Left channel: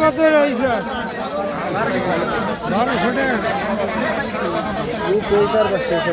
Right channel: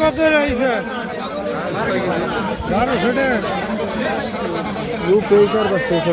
কত রয়েছে ধরো ছোটে ও পয়সার বস্তা হতে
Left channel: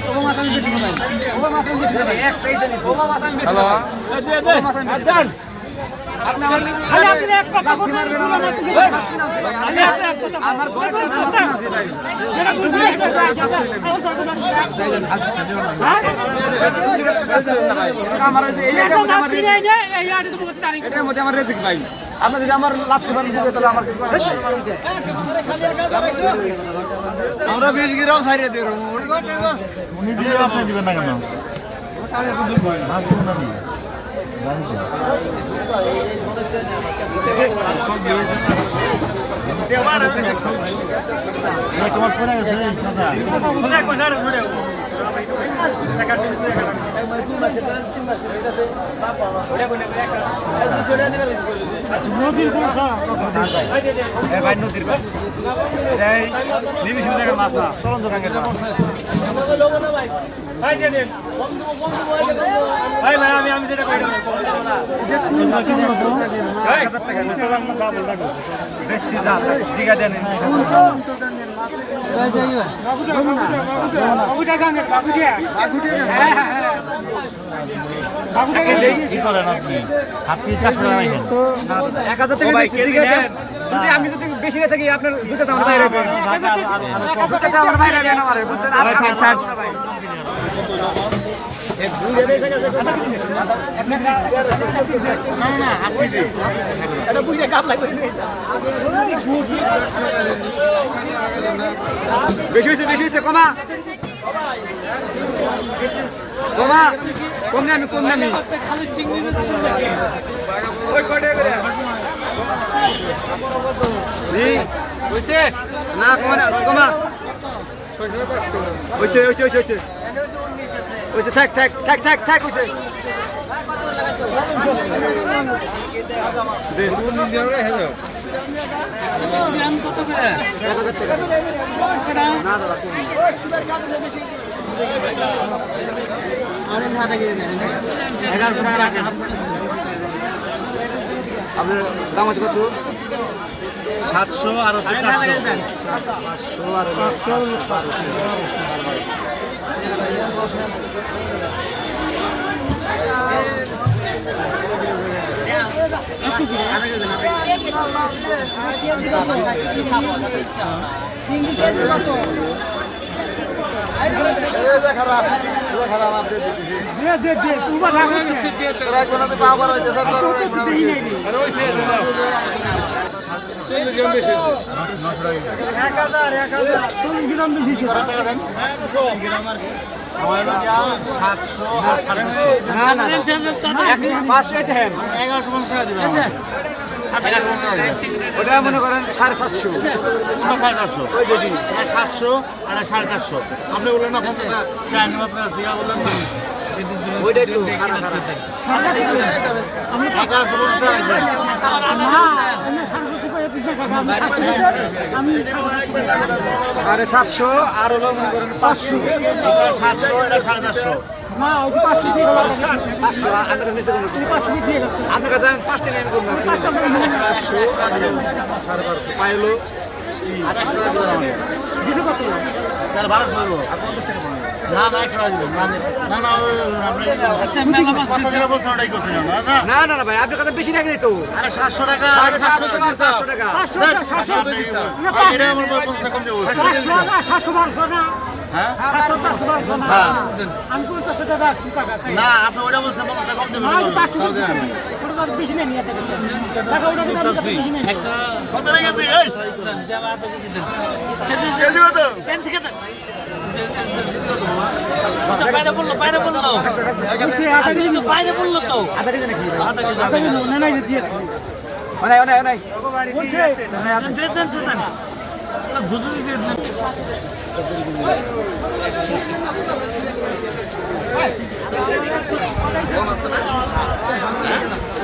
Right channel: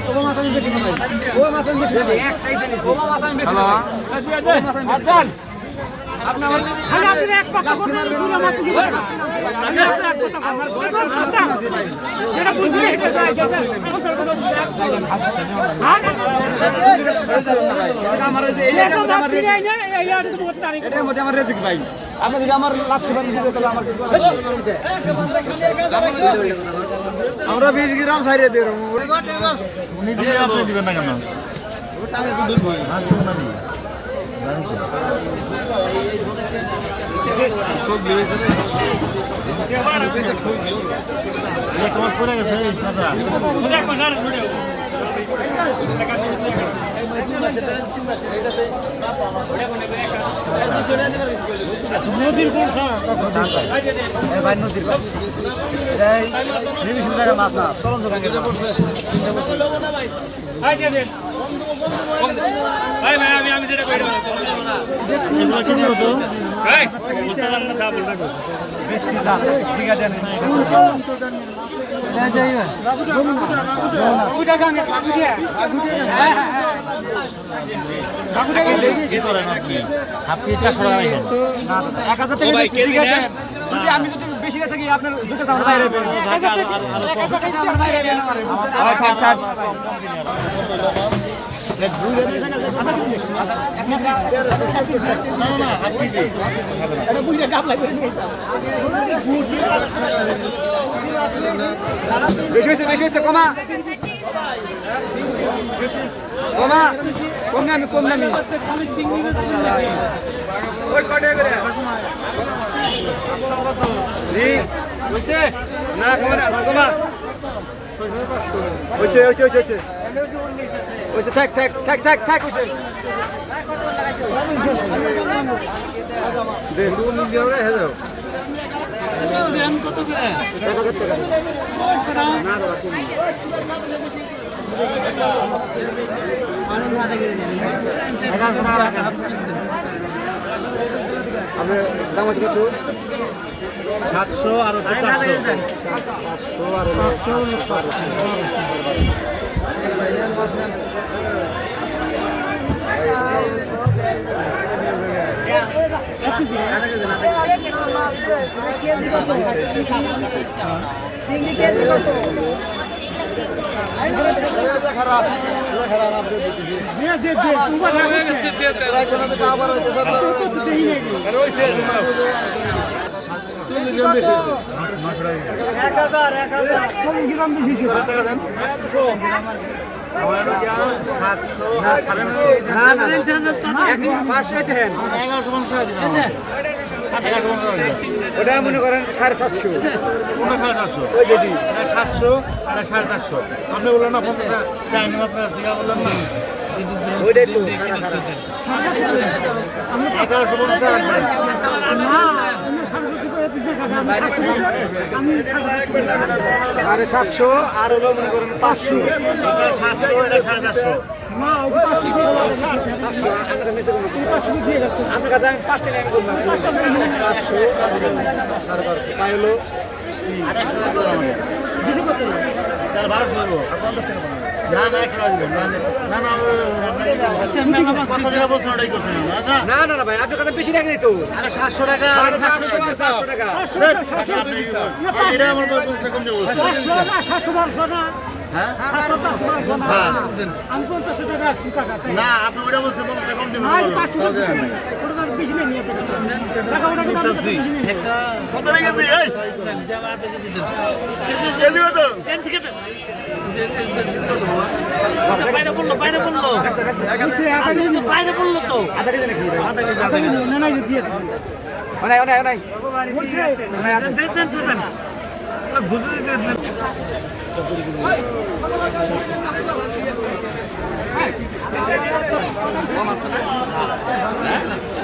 ও মাছ আমি বেশি ভাই ও মাছ আমি বেশি ভাই ও মাছ আমি বেশি না এটার মধ্যে আমার রেজিক ভাই আপনি যদি আমার লাভ করবেন তাহলে আমার আমরা বিশ গ্রাম সাইরে দিয়ে એક নদীর কোন ভাই নদীর ভাই এই নিমিশন জায়গা মাছ না চলন দোকানের মাছ বেশি দাম জিগা দেন এক হাজার টাকা যদি আমি যদি বেশি না থাকি আপনার দুটো আমার বাইরে আমার বাইরে আমারে বেশি হয়েছে বেশি হয়েছে কমা কমা কম আমি হয়েছে হয়েছে হয়েছে হয়েছে হয়েছে হয়েছে থাক থাক থাক থাক থাক রাখেন আপনার দাম আছে কত সাতশো আর পাঁচশো আর পাঁচশো খারাপ খারাপ আপনি দিতেছি দে দে দে উবা না তোরা কোনাতে পাওয়ার হয়েছে সব তোরা গ্রাম বেশি ছিল পাঁচশো দেন ওটা মনে করেন সাড়ে সাতশো সাড়ে চারশো সাতশো এটা সাড়ে চারশো আপনি বললেন না দিয়া বললেন না খারাপ খারাপ এগারোশো পঞ্চাশ। সাড়ে সাতশো আর হলো মনে করেন পাঁচশো। সাতশো এটা সাড়ে চারশো না। যে পাঁচশো দিয়ে গেল পাঁচশো। পাঁচশো দিয়ে গেছে। আপনার কাছে আমি পাঁচটা লাইন করব পাঁচটা করে নিয়ে নিন। পাঁচশো সাড়ে বারোশো। পাইলো আর টাকা দিবেন আমাকে দুশো কত না? তাহলে বারোশো দেবো না না একশো টাকা দিবেন না না না আপনি কথা যেটা বলছেন ওটাই করছেন না না না না না ভাই আপনার কাছে বেশি টাকা তো আরে সাতশো টাকা সাতশো টাকা সাতশো টাকা সাতশো আপনি এটা আমার কম দেবো না, সাতশো বারোশো না। না। হ্যাঁ। টাকা টাকা আপনি ওটা বলছেন টাকা কম দেবেন না, এই! পাঁচশো করে দিতে হবে। তো। আধা কেজি। নাকি? আধা কেজি না, না, দিয়ে। অনাই অনাই অনাই বুঝছি? অনাই আছে।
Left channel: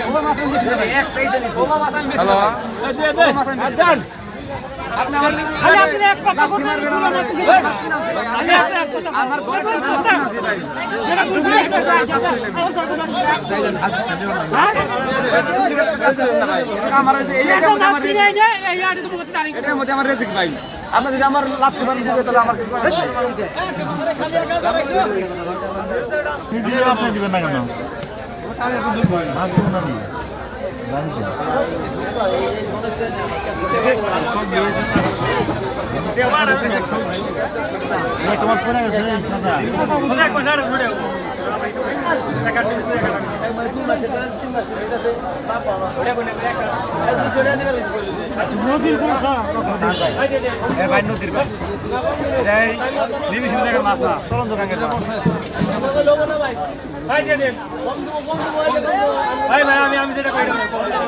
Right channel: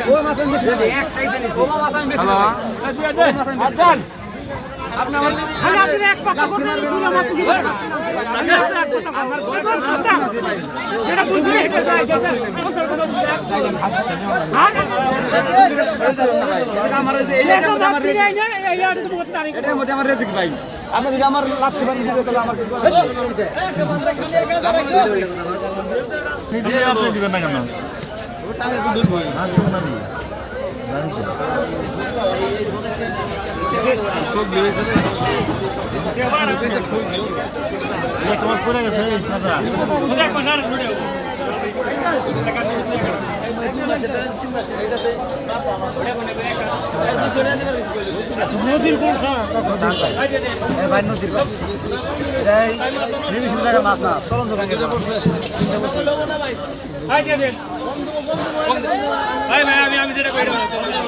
ও মাছ। ও মাছ আমার ভাই। রেজিক। আপনি যদি আমার মারেন তাহলে আমার আপনি দিবেন না কেন এই ভাই নদীর ভাই এটাই নিমিশন জায়গার মাছ না, চলন্ত ব্যাংকের মাছ বেশি যা জিগা দেন আপনি চারশো টাকা রাখেন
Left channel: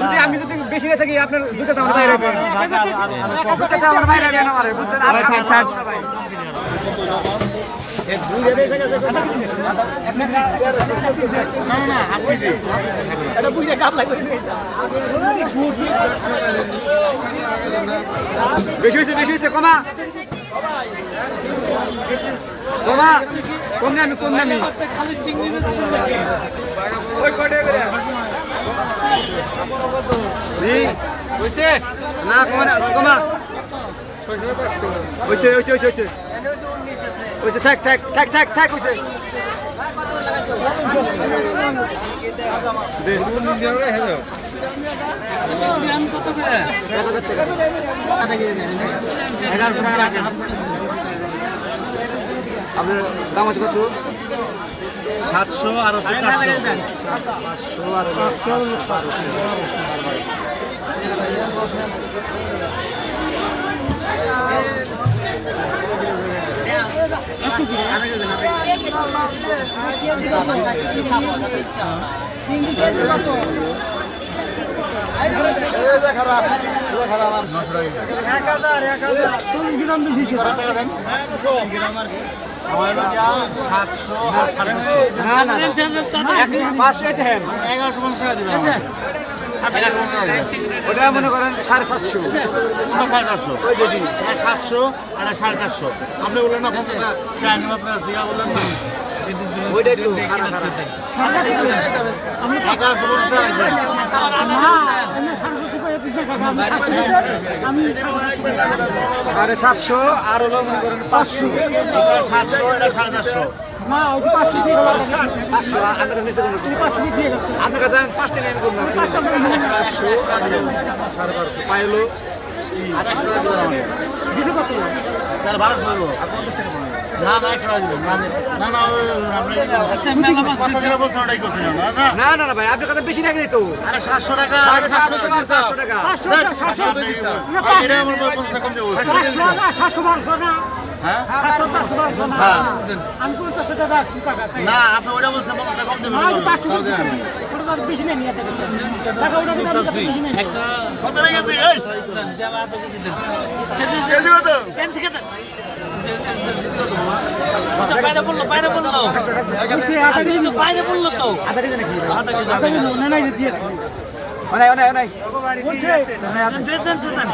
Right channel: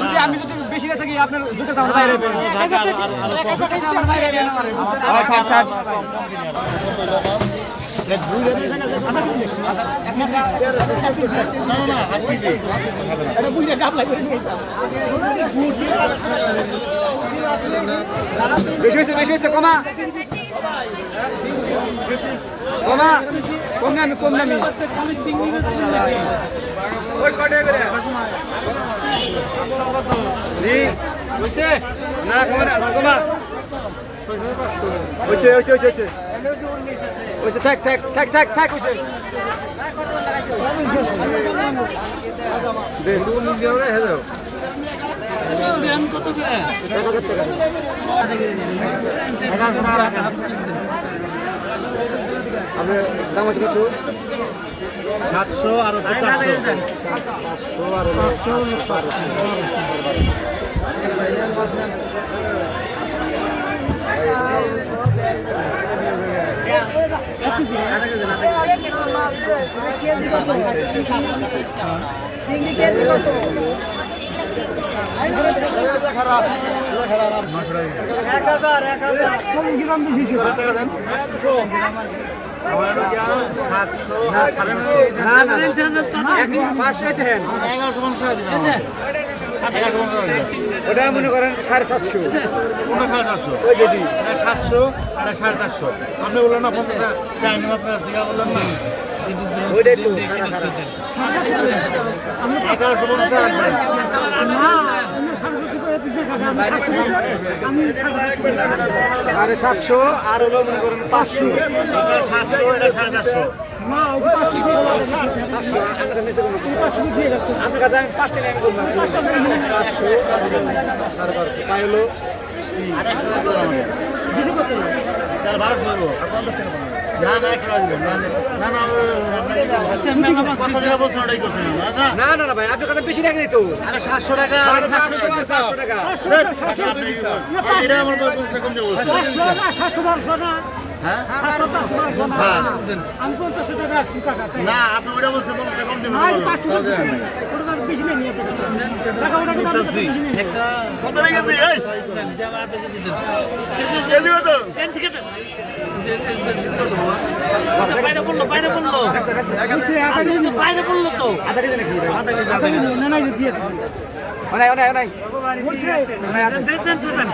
যদি আমি যদি বেশি না থাকি আপনার জুতো তো আমার বাইরে আমার বাইরে বেশি হয়েছে বেশি হয়েছে কমা। কমা কমে আমি কমে আমি ওই কটে করে থাক থাক থাক থাক থাক রে হ্যালো এক হাজার টাকা। আপনার দাম আছে কত? সাতশো আর হচ্ছে পাঁচশো আর পাঁচশো আমার হলো গিয়া সাতশো আর সাড়ে না না পাঁচশো এটা ওটা মনে করেন সাড়ে সাতশো সাড়ে চারশো সাতশো। এটা সাড়ে চারশো আপনি বললেন না নম্বর প্রাইস বললেন না ওইটা একটু এগারোশো পঞ্চাশ সাড়ে সাতশো আর হলো মনে করেন পাঁচশো। সাতশো এটা সাড়ে চারশো। পাঁচশো আপনার কাছে আমি পাঁচটা লাইন করলাম পাঁচশো সাড়ে বারোশো। পাই হলো আর একশো টাকা দিবেন তাহলে বারোশো দেবো না না একশো টাকা না না না কথা যেটা বলছেন ওটাই করছেন? না না। না না না ভাই আপনার কাছে বেশি রাখলে তো। আরে সাতশো টাকা সাড়ে টাকা। পাঁচশো টাকা। এটা আমার পঞ্চাশ টাকা কম দেবো হ্যাঁ? আমি পঞ্চাশ টাকা রাখছি টাকা না আপনি ওটা বলছেন পঞ্চাশ কম দেবেন আজ পাঁচশো ওটা তো বেশি নেই টাকা ওটা আমি একটা কত লেগেছে এই। কেজি কত বাইরে বলল বাইরে আধা কেজি নেব। বাইরে বলল তো আধা কেজি নাকি আধা কেজি নেব, না, না, যে দিয়ে অনেক বলছে, দেন দেন দেন